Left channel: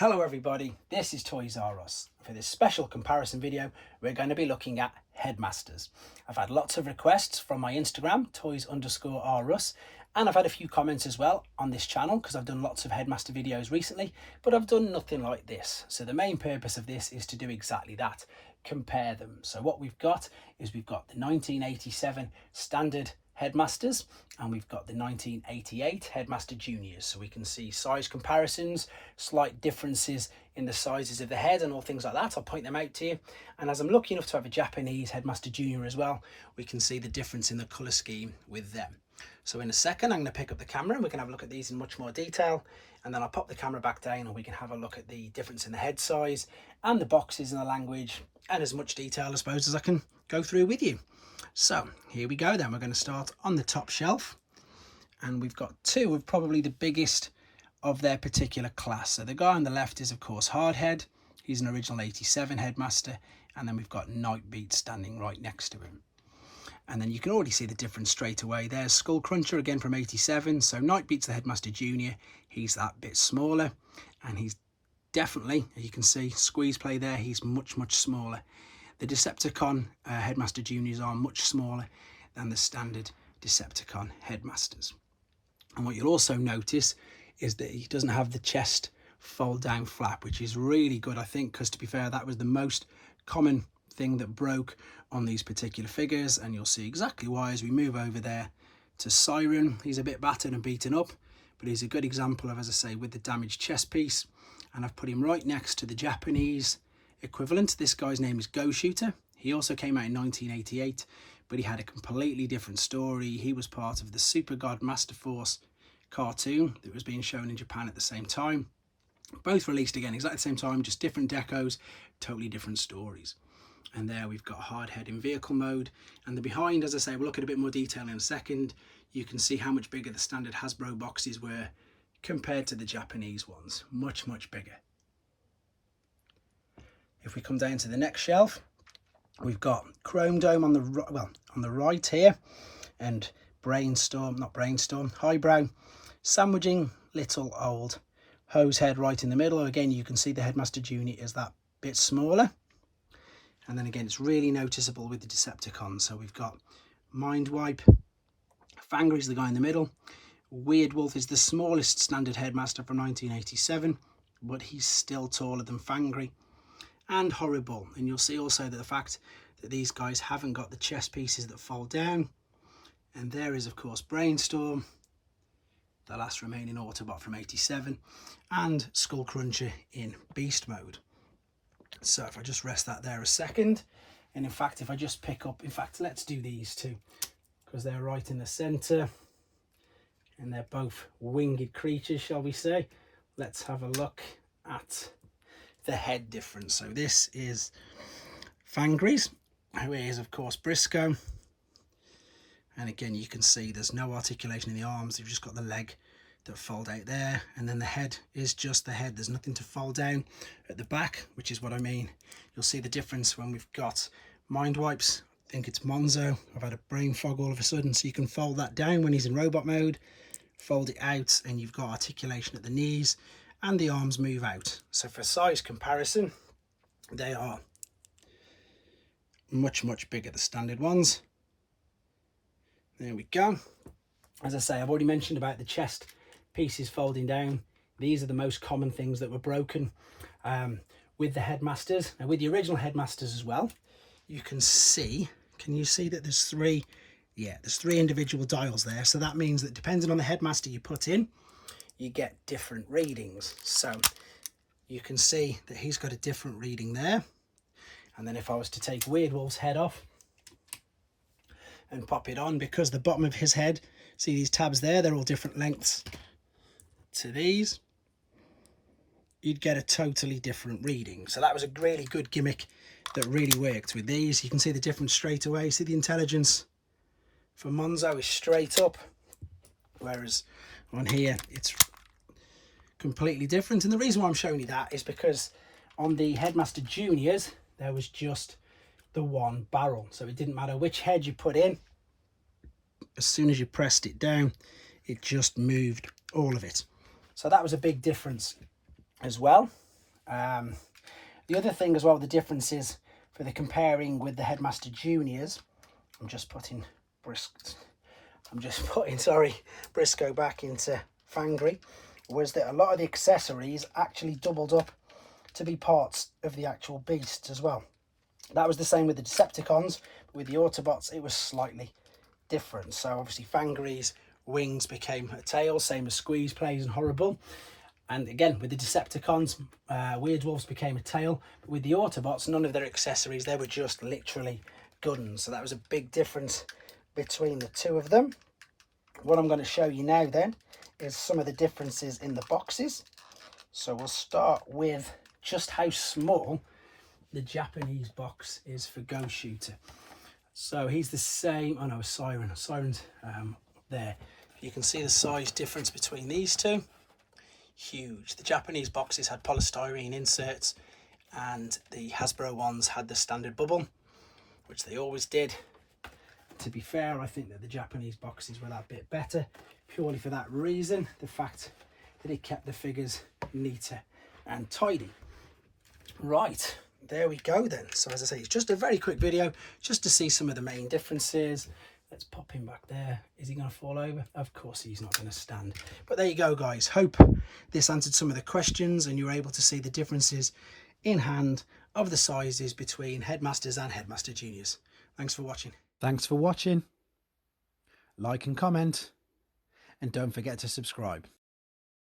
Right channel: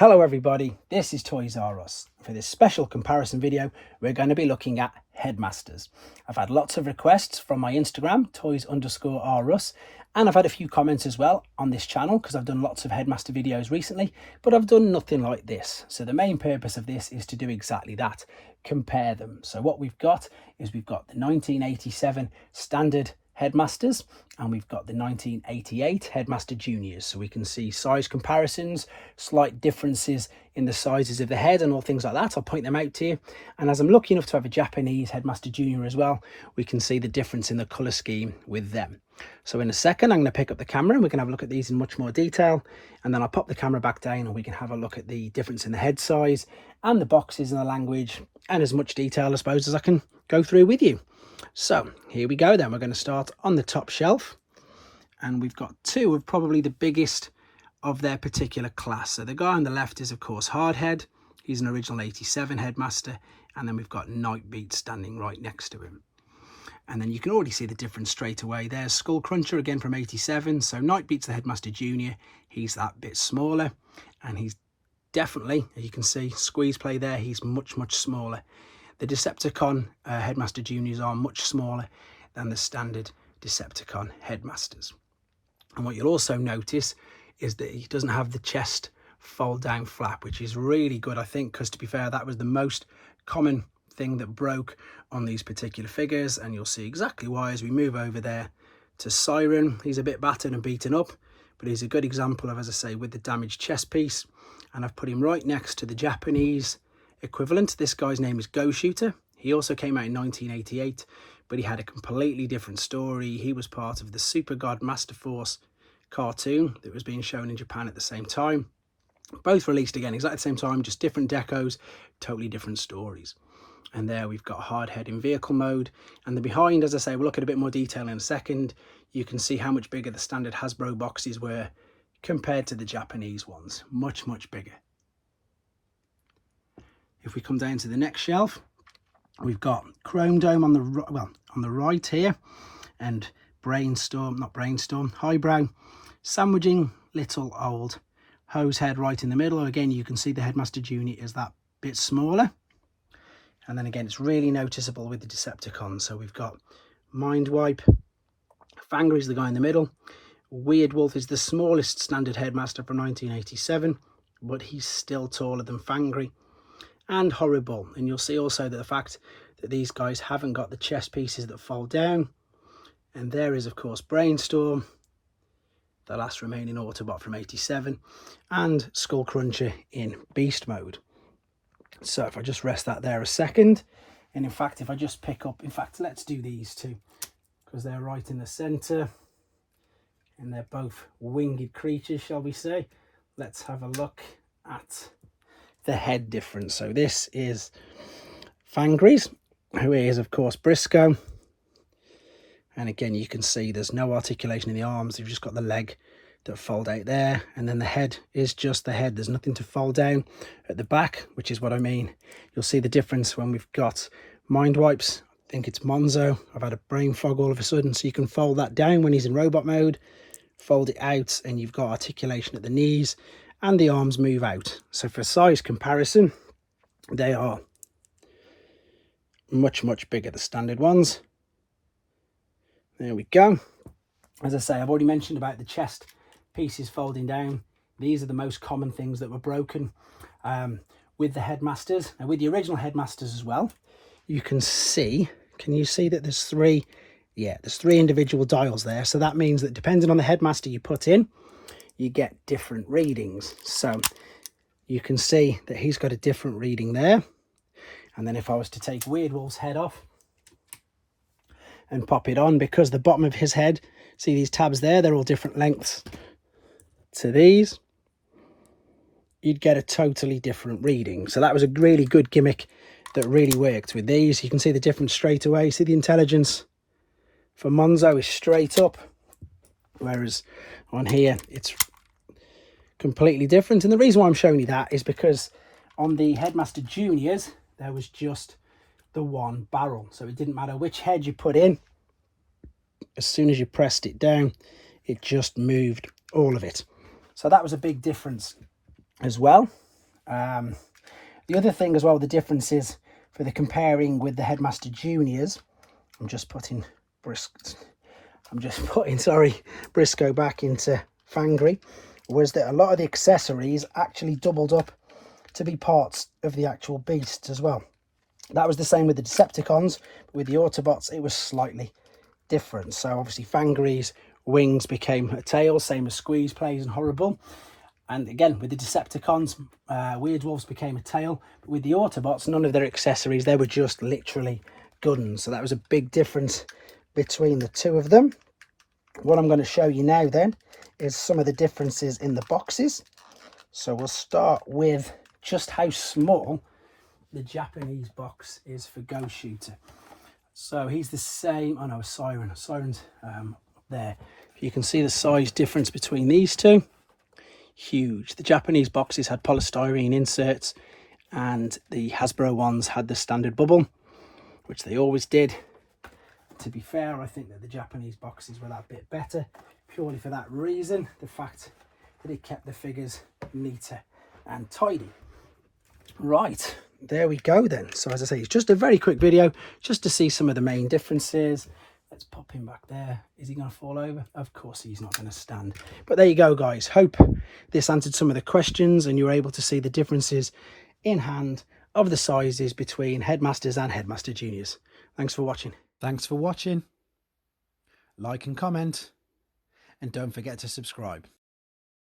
Hello everybody, this is Toys R Us. For this special comparison video, we're going to be looking at Headmasters. I've had lots of requests from my Instagram, toys_rus, and I've had a few comments as well on this channel because I've done lots of Headmaster videos recently, but I've done nothing like this. So the main purpose of this is to do exactly that, compare them. So what we've got is we've got the 1987 standard Headmasters and we've got the 1988 Headmaster Juniors, so we can see size comparisons, slight differences in the sizes of the head and all things like that. I'll point them out to you, and as I'm lucky enough to have a Japanese Headmaster Junior as well, we can see the difference in the colour scheme with them. So in a second I'm going to pick up the camera and we can have a look at these in much more detail, and then I'll pop the camera back down and we can have a look at the difference in the head size and the boxes and the language and as much detail I suppose as I can go through with you. So here we go then. We're going to start on the top shelf, and we've got two of probably the biggest of their particular class. So the guy on the left is of course Hardhead. He's an original 87 Headmaster, and then we've got Nightbeat standing right next to him. And then you can already see the difference straight away. There's Skull Cruncher again from 87. So Nightbeat's the Headmaster Junior. He's that bit smaller, and he's definitely, as you can see, squeeze play there, he's much smaller. The Decepticon Headmaster Juniors are much smaller than the standard Decepticon Headmasters. And what you'll also notice is that he doesn't have the chest fold down flap, which is really good, I think, because to be fair, that was the most common thing that broke on these particular figures, and you'll see exactly why as we move over there to Siren. He's a bit battered and beaten up, but he's a good example of, as I say, with the damaged chest piece. And I've put him right next to the Japanese equivalent. This guy's name is Go Shooter. He also came out in 1988, but he had a completely different story. He was part of the Super God Master Force cartoon that was being shown in Japan at the same time. Both released again exactly at the same time, just different decos, totally different stories. And there we've got Hardhead in vehicle mode, and the behind, as I say, we'll look at a bit more detail in a second. You can see how much bigger the standard Hasbro boxes were compared to the Japanese ones. Much bigger. If we come down to the next shelf, we've got Chrome Dome on the right here, and Highbrow, sandwiching little old Hosehead right in the middle. Again, you can see the Headmaster Junior is that bit smaller, and then again it's really noticeable with the Decepticons. So we've got Mindwipe, Fangry is the guy in the middle, Weird Wolf is the smallest standard Headmaster from 1987, but he's still taller than Fangry, and Horrible. And you'll see also that the fact that these guys haven't got the chest pieces that fold down. And there is of course Brainstorm, the last remaining Autobot from 87, and Skull Cruncher in beast mode. So if I just rest that there a second, and in fact if I just pick up, in fact let's do these two because they're right in the center and they're both winged creatures, shall we say. Let's have a look at the head difference. So this is Fangry's, who is of course Briscoe, and again you can see there's no articulation in the arms. You've just got the leg that fold out there, and then the head is just the head. There's nothing to fold down at the back, which is what I mean. You'll see the difference when we've got Mindwipes. I think it's Monzo. I've had a brain fog all of a sudden. So you can fold that down when he's in robot mode, fold it out, and you've got articulation at the knees, and the arms move out. So for size comparison, they are much bigger, the standard ones. There we go. As I say, I've already mentioned about the chest pieces folding down. These are the most common things that were broken with the Headmasters. Now with the original Headmasters as well, you can see, can you see that there's three? Yeah, there's three individual dials there. So that means that depending on the Headmaster you put in, you get different readings. So you can see that he's got a different reading there. And then if I was to take Weird Wolf's head off and pop it on, because the bottom of his head, see these tabs there, they're all different lengths to these, you'd get a totally different reading. So that was a really good gimmick that really worked with these. You can see the difference straight away. See the intelligence for Monzo is straight up, whereas on here it's completely different. And the reason why I'm showing you that is because on the Headmaster Juniors there was just the one barrel, so it didn't matter which head you put in. As soon as you pressed it down, it just moved all of it. So that was a big difference as well. The other thing as well, the difference is for the comparing with the Headmaster Juniors. I'm just putting Briscoe back into Fangry, was that a lot of the accessories actually doubled up to be parts of the actual beast as well. That was the same with the Decepticons, but with the Autobots it was slightly different. So obviously Fangry's wings became a tail, same as Squeeze Plays and Horrible. And again, with the Decepticons, Weirdwolves became a tail. But with the Autobots, none of their accessories, they were just literally guns. So that was a big difference between the two of them. What I'm going to show you now then is some of the differences in the boxes. So we'll start with just how small the Japanese box is for Ghost Shooter. So he's the same, oh no, Siren. Siren's there. You can see the size difference between these two. Huge. The Japanese boxes had polystyrene inserts and the Hasbro ones had the standard bubble, which they always did. To be fair, I think that the Japanese boxes were that bit better, purely for that reason, the fact that it kept the figures neater and tidy. Right, there we go then. So as I say, it's just a very quick video just to see some of the main differences. Let's pop him back there. Is he going to fall over? Of course he's not going to stand. But there you go, guys. Hope this answered some of the questions and you were able to see the differences in hand of the sizes between Headmasters and Headmaster Juniors. Thanks for watching. Thanks for watching. Like and comment. And don't forget to subscribe.